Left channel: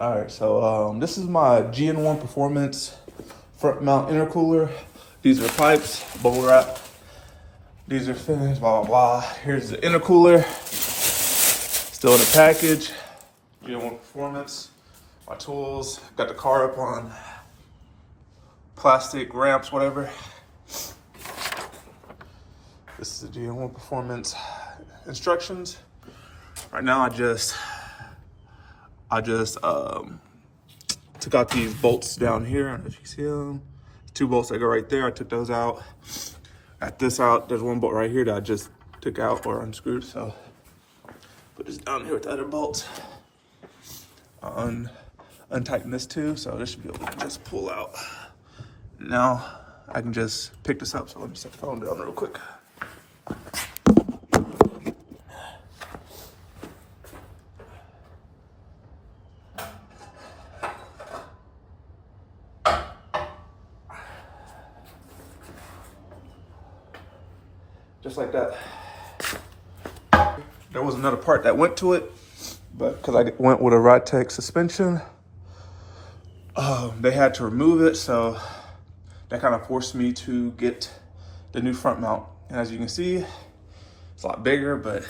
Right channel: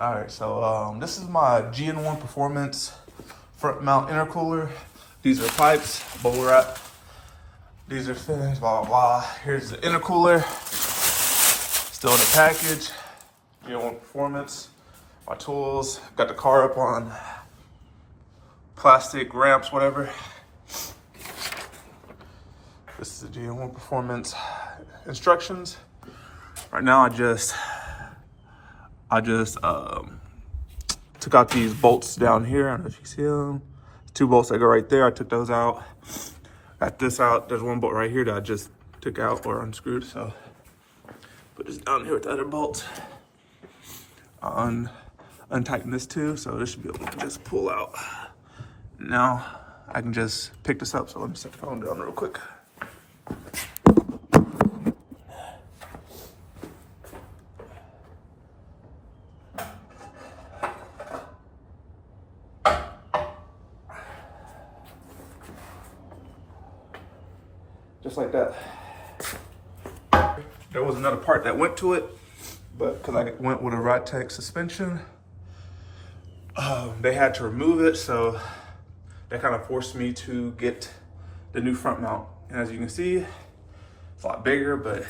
All right, so this is my gn1 Performance front mount intercooler. These are pipes, bubble wrap. These are fittings, blah, blah, blah. Here's the intercooler, still in the package. gn1 Performance, my tools. Got the car up on plastic ramps, whatever. This is the gn1 Performance instructions. Right now, I just took out these bolts down here. I don't know if you see them. 2 bolts that go right there. I took those out. Got this out. There's 1 bolt right here that I just took out or unscrewed. So put this down here with the other bolt. Untighten this too. So this should be able to just pull out. Now I can just pick this up. So let me set the phone down real quick. Just like that. There was another part that went to it, but because I went with a Ride-Tech suspension, they had to remove it, so that kind of forced me to get the new front mount. And as you can see, it's a lot bigger, but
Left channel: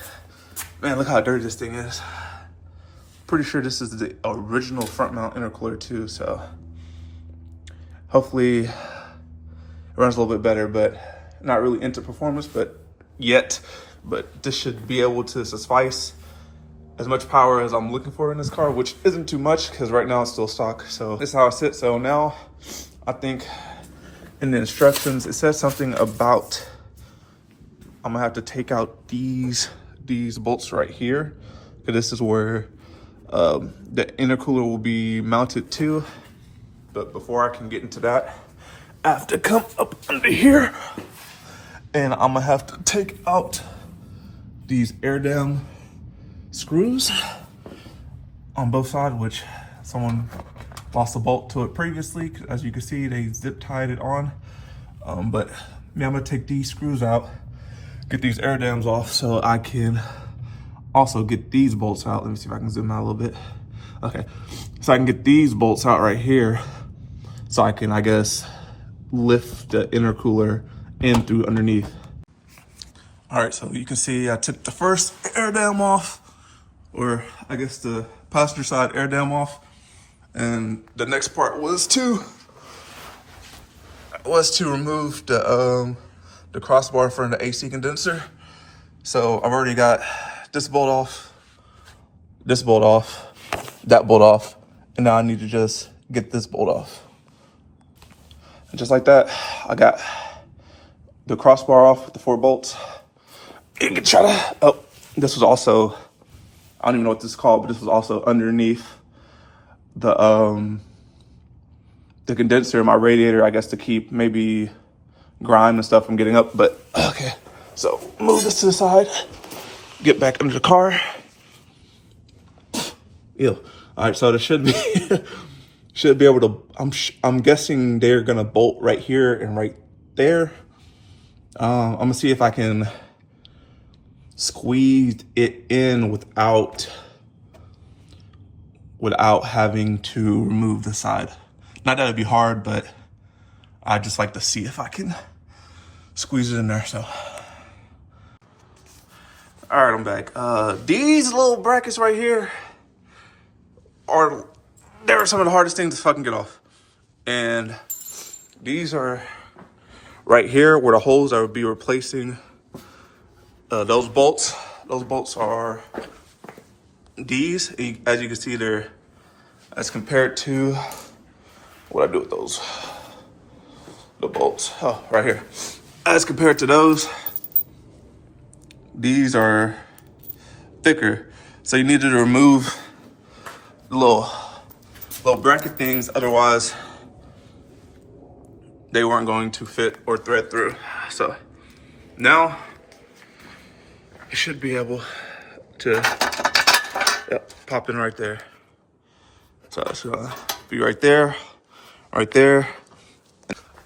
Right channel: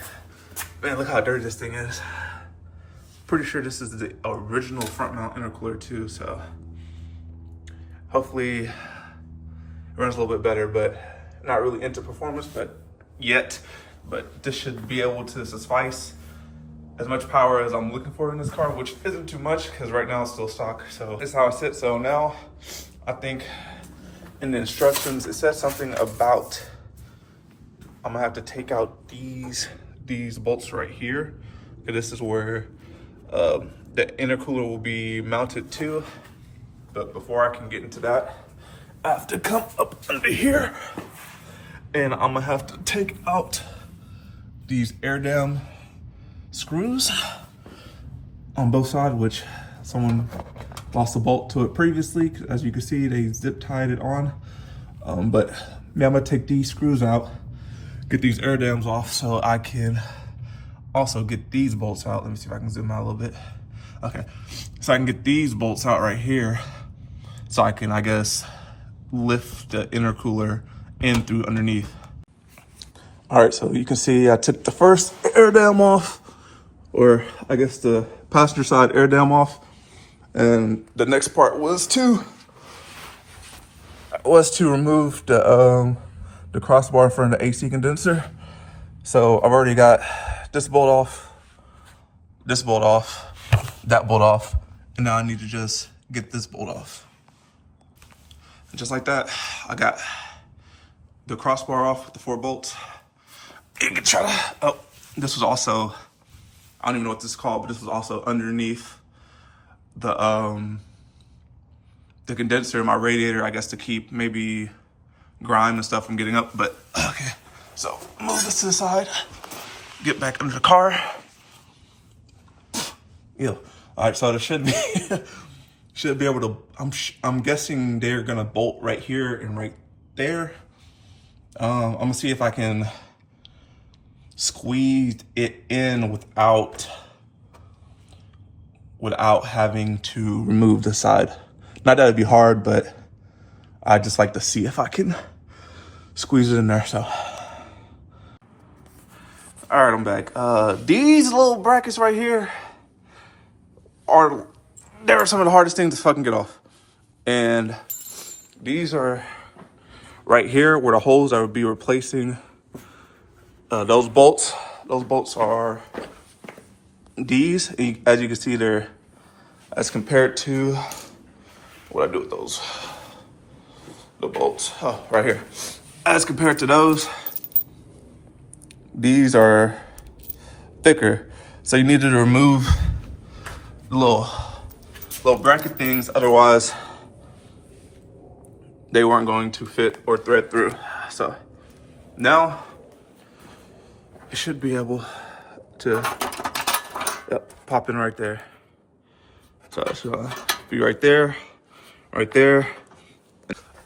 man, look how dirty this thing is. Pretty sure this is the original front mount intercooler too, so hopefully it runs a little bit better, but not really into performance, but this should be able to suffice as much power as I'm looking for in this car, which isn't too much because right now it's still stock. So this is how it sits. So now I think in the instructions, it says something about, I'm gonna have to take out these bolts right here, because this is where the intercooler will be mounted to. But before I can get into that, I have to come up under here. And I'm gonna have to take out these air dam screws on both sides, which someone lost a bolt to it previously. As you can see, they zip tied it on. But yeah, I'm gonna take these screws out, get these air dams off so I can also get these bolts out. Let me see if I can zoom out a little bit. Okay, so I can get these bolts out right here so I can, I guess, lift the intercooler in through underneath. All right, so you can see I took the first air dam off, or I guess the passenger side air dam off, and the next part was to remove the crossbar from the AC condenser. So I've already got this bolt off, that bolt off, and now I need to just get this bolt off. And just like that, I got the crossbar off with the 4 bolts. You can try to, oh, this was also, I don't even know what this is called, but this was also underneath the condenser in my radiator, I guess, to keep maybe grime and stuff from getting up. But okay, so move this to the side, get back under the car. Ew. All right, so there should be should be able to, I'm guessing they're gonna bolt right here and right there. I'm gonna see if I can squeeze it in without having to remove the side. Not that it'd be hard, but I just like to see if I can squeeze it in there. So, all right, I'm back. These little brackets right here they're some of the hardest things to fucking get off. And these are right here where the holes I would be replacing those bolts. Those bolts are these. As you can see, they're, as compared to, what I do with those, the bolts, oh, right here. As compared to those, these are thicker. So you needed to remove the little bracket things, otherwise they weren't going to fit or thread through. So now it should be able to pop in right there. So it's gonna be right there, right there.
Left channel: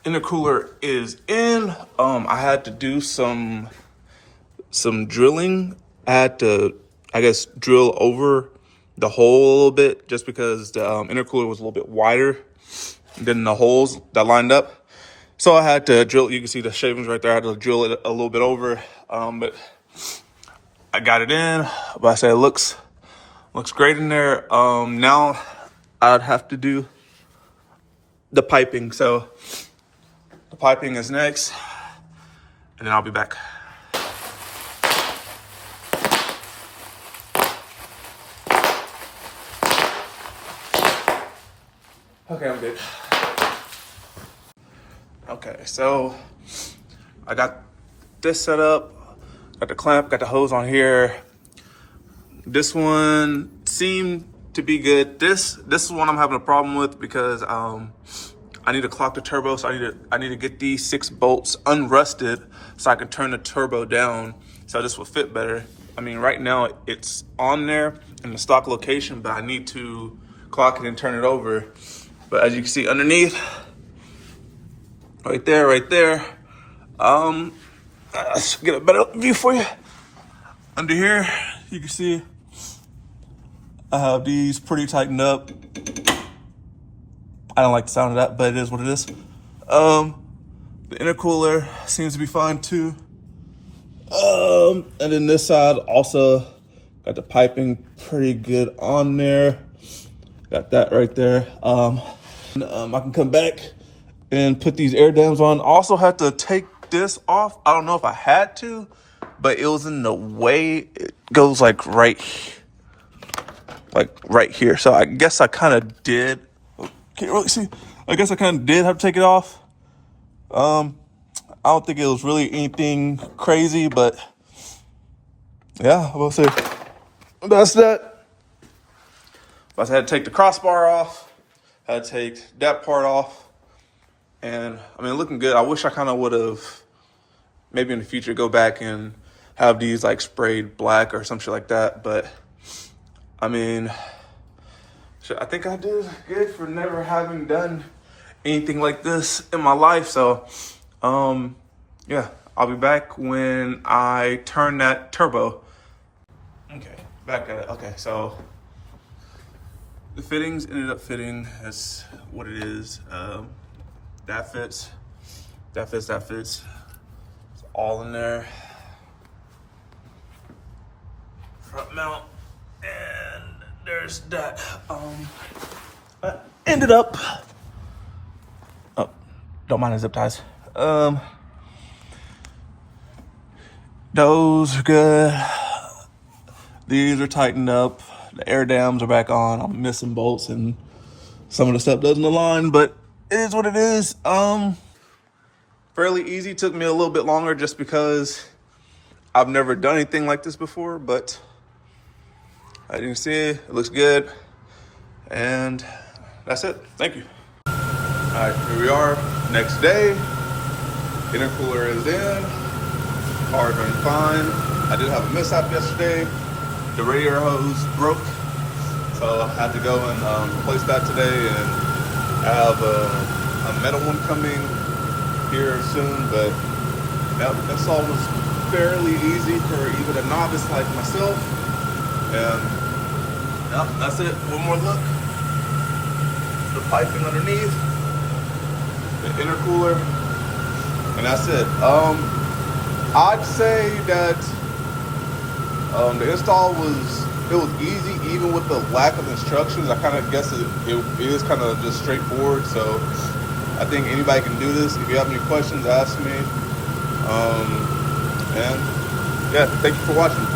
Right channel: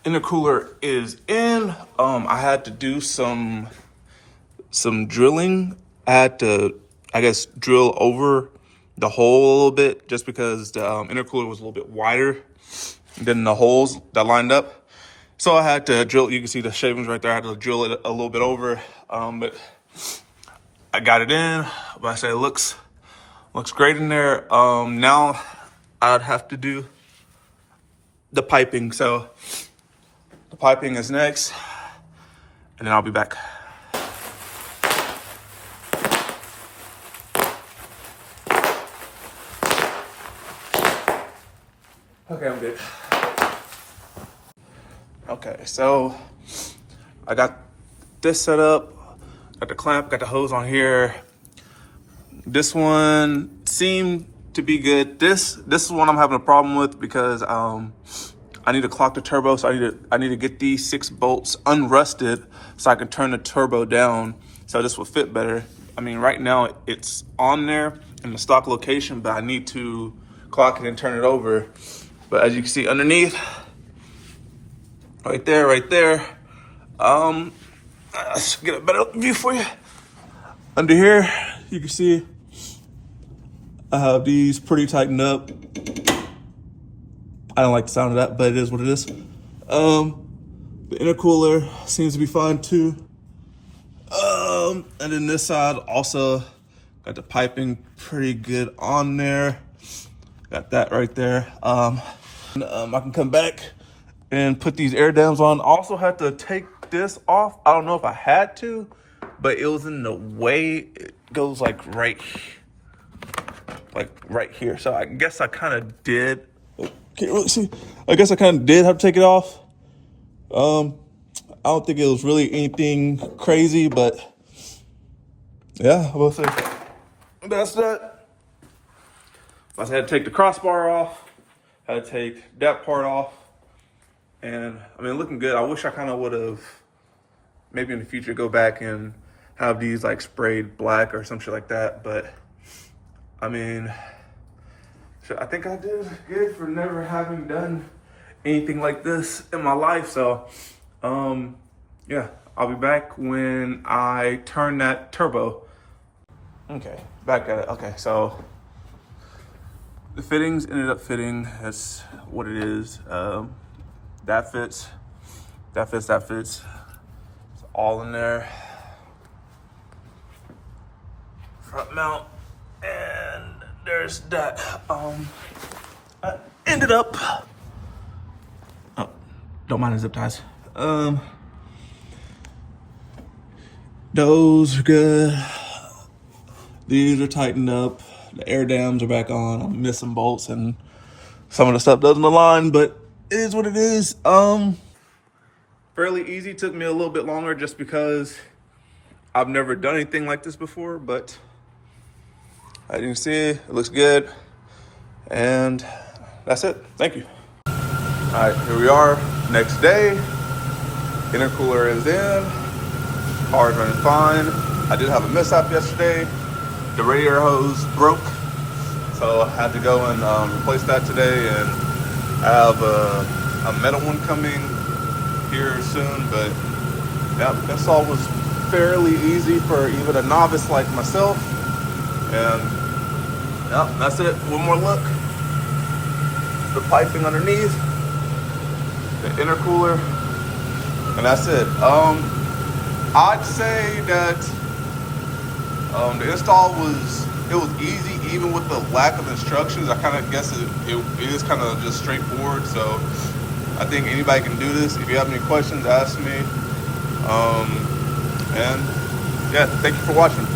Intercooler is in. I had to do some drilling. I had to, I guess, drill over the hole a little bit just because the intercooler was a little bit wider than the holes that lined up. So I had to drill. You can see the shavings right there. I had to drill it a little bit over, but I got it in. But I say it looks great in there. Now I'd have to do the piping. So the piping is next, and then I'll be back. Okay, I'm good. Okay, so I got this set up, got the clamp, got the hose on here. This one seemed to be good. This is one I'm having a problem with because I need to clock the turbo, so I need to get these 6 bolts unrusted so I can turn the turbo down so this will fit better. I mean, right now it's on there in the stock location, but I need to clock it and turn it over. But as you can see underneath, right there, let's get a better view for you. Under here, you can see I have these pretty tightened up. I don't like the sound of that, but it is what it is. The intercooler seems to be fine too. And then this side also got the piping pretty good on there. Got that right there. I can come back and put these air dams on. Also had to take this off. I don't know if I had to, but it was in the way. It goes like right here. So I guess I kind of did. Can't really see. I guess I kind of did have to take it off. I don't think it was really anything crazy, but yeah, I will say that's that. I had to take the crossbar off. Had to take that part off. And I mean, looking good. I wish I kind of would have maybe in the future go back and have these like sprayed black or some shit like that. But I mean, I think I did good for never having done anything like this in my life. So, yeah, I'll be back when I turn that turbo. Okay, back at it. Okay, so the fittings ended up fitting. That's what it is. That fits. It's all in there. Front mount, and there's that. I ended up. Oh, don't mind the zip ties. Those are good. These are tightened up. The air dams are back on. I'm missing bolts and some of the stuff doesn't align, but it is what it is. Fairly easy. Took me a little bit longer just because I've never done anything like this before, but as you can see, it looks good. And that's it. Thank you. All right, here we are. Next day. Intercooler is in. Car's running fine. I did have a mishap yesterday. The radiator hose broke, so I had to go and replace that today, and I have a metal one coming here soon. But that install was fairly easy for even a novice like myself. And yeah, that's it. One more look. The piping underneath, the intercooler, and that's it. I'd say that the install was easy even with the lack of instructions. I kind of guess it is kind of just straightforward. So I think anybody can do this. If you have any questions, ask me. And yeah, thank you for watching.